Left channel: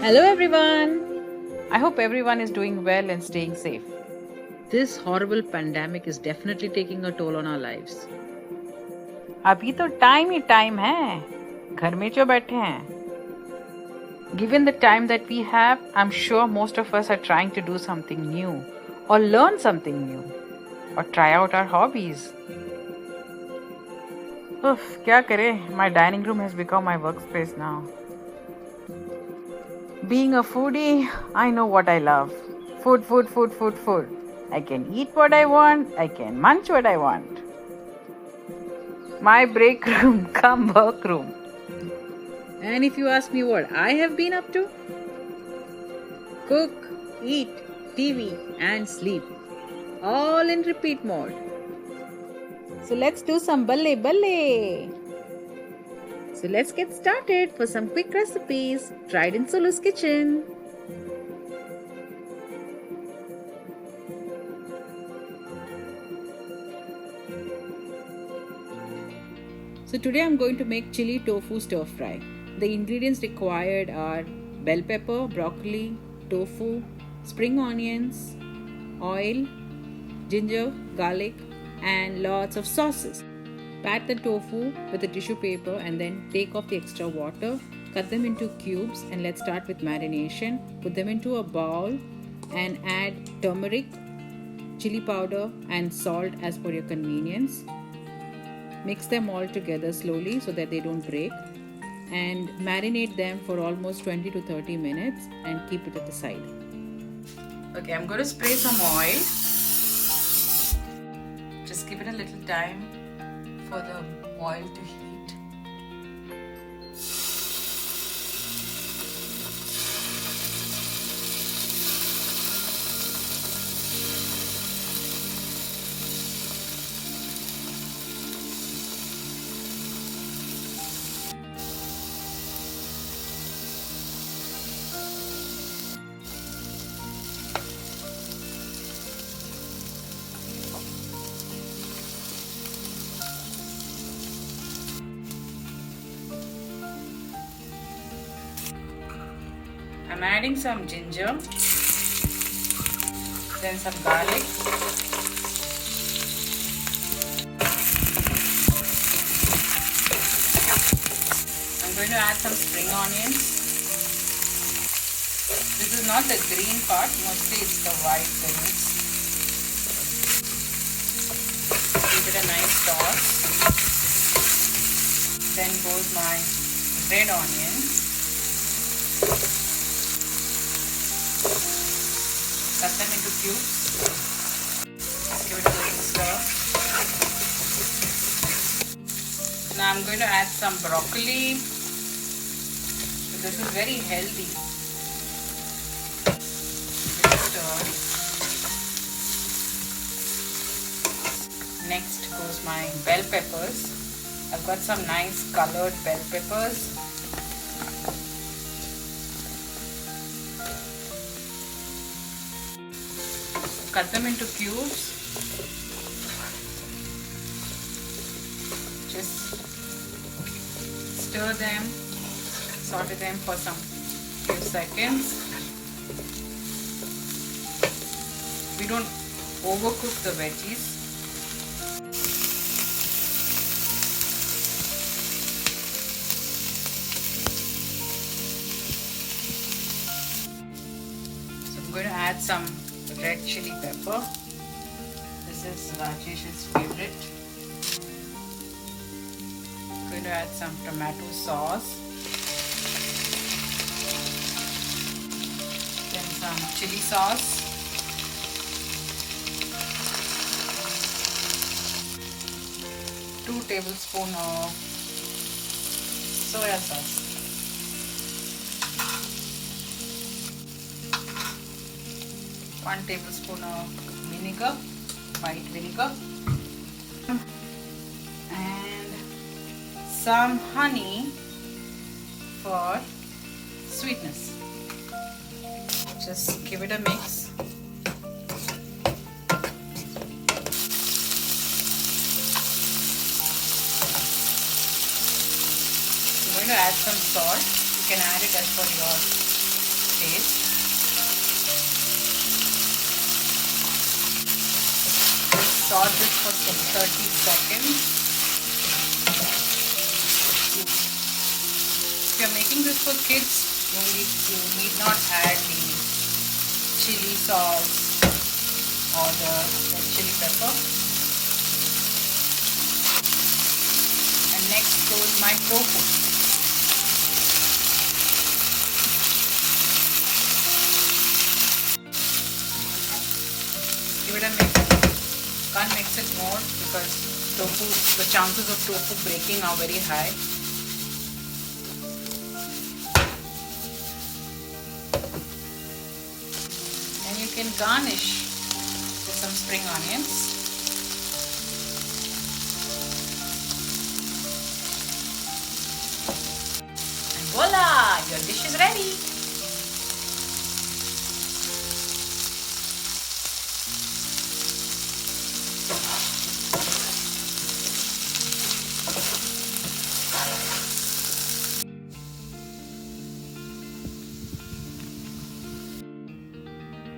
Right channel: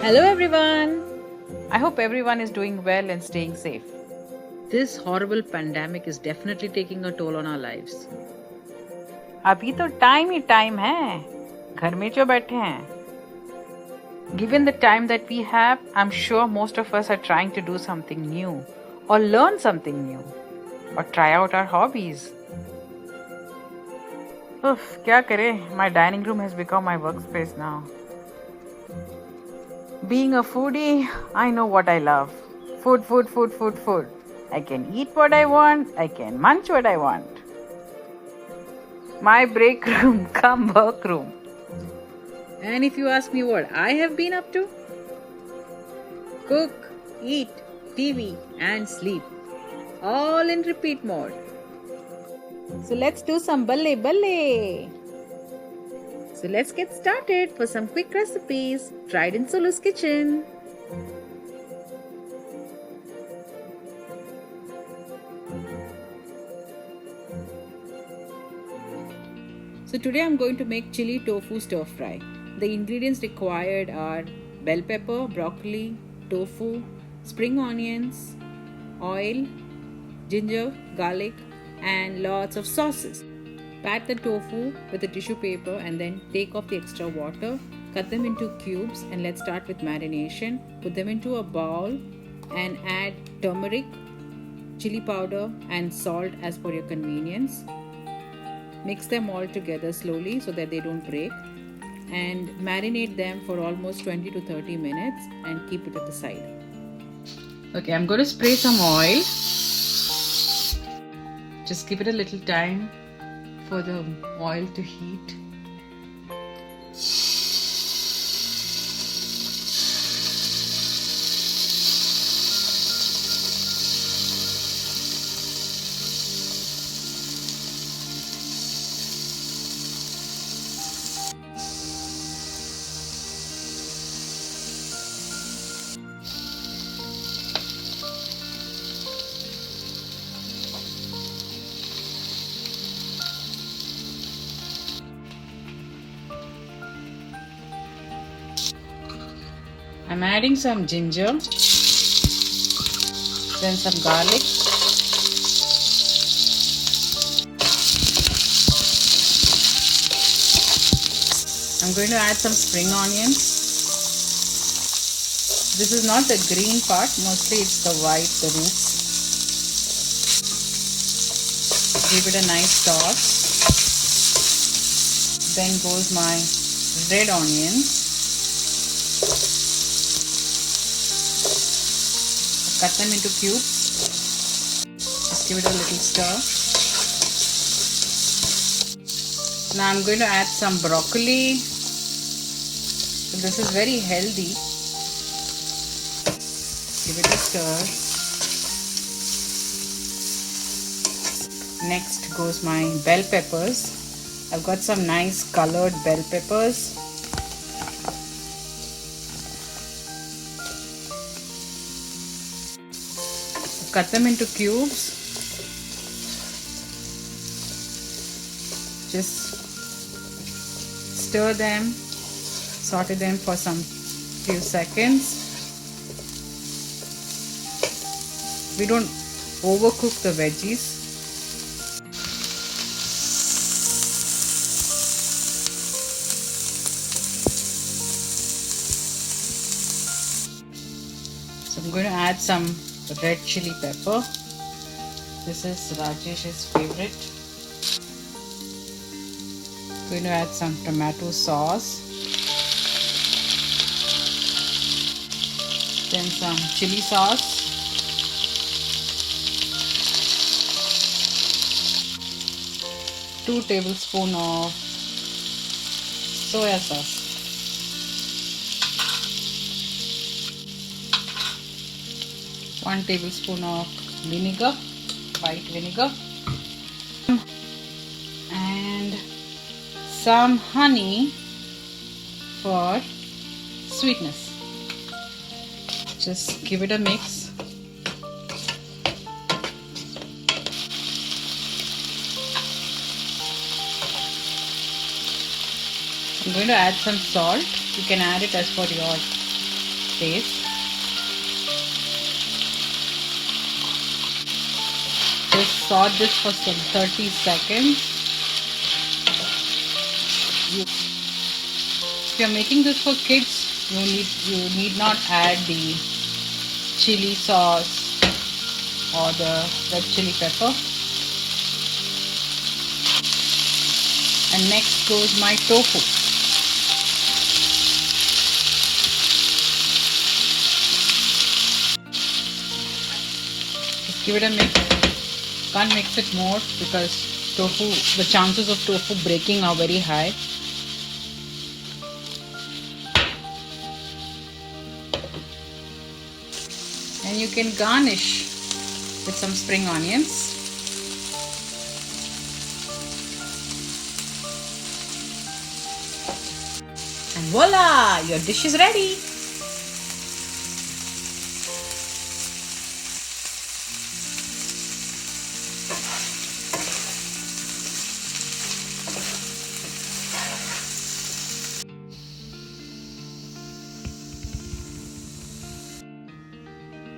Hello everyone! I hope everyone is doing well and staying safe. This horrible pandemic is definitely taking a toll on our lives. अभी तो time ही time है, घर में जो बैठे हैं. Given the time that we have, I'm sure most of us are trying to do something new or learn something new or try out our hobbies. Oof, क्या करें? My dining room has become my workspace now. Being a foodie, I know what I love. Food, food, food, food, food. I can eat what I want. I can munch what I want. My break room, come work room. And if you ask me what I have been up to, cook, eat, TV, and sleep. All in repeat mode. So let's do some balle balle. So let's get started for some quick recipes tried in Sulu's kitchen. So today I'm going to make chili tofu stir fry. The ingredients required are bell pepper, broccoli, tofu, spring onions, oil, ginger, garlic, and lots of sauces. Pat the tofu with a tissue paper and then take off the extra water. Cut them into cubes and let's start with marination. Put them into a bowl and add turmeric, chili powder and salt as per your convenience. Mix them all together slowly so that they don't break and marinate them for almost 20 to 30 minutes and keep it at the side. Okay, I'm going to spray some oil. Just give it a little time for the oil to heat. I'm adding some ginger, then some garlic, I'm going to add some spring onions. This is not the green part, mostly it's the white, the roots. Give it a nice toss. Then goes my red onions. Cut them into cubes. Just give it a little stir. Now I'm going to add some broccoli. So this is very healthy. Give it a stir. Next goes my bell peppers. I've got some nice colored bell peppers. Cut them into cubes. Just stir them, saute them for some few seconds. We don't overcook the veggies. So I'm going to add some red chili pepper. This is Rajesh's favorite. I'm going to add some tomato sauce. Then some chili sauce. Two tablespoons of soya sauce. 1 tablespoon of vinegar, white vinegar, and some honey for sweetness. Just give it a mix. I'm going to add some salt. You can add it as per your taste. Just saute this for some 30 seconds. If you're making this for kids, you need not add the chili sauce or the red chili pepper. And next goes my tofu. Just give it a mix. Can't mix it more because the chances of tofu breaking are very high. And you can garnish with some spring onions. And voila! Your dish is ready!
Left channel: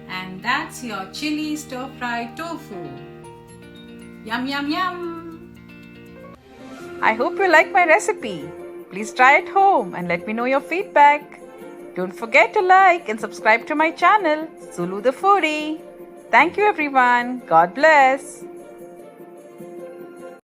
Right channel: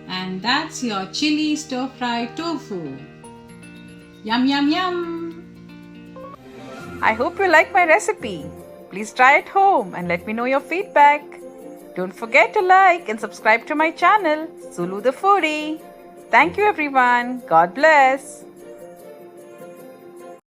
And that's your chili stir fry tofu. Yum yum yum! I hope you like my recipe. Please try it home and let me know your feedback. Don't forget to like and subscribe to my channel, Zulu the Foodie. Thank you everyone. God bless.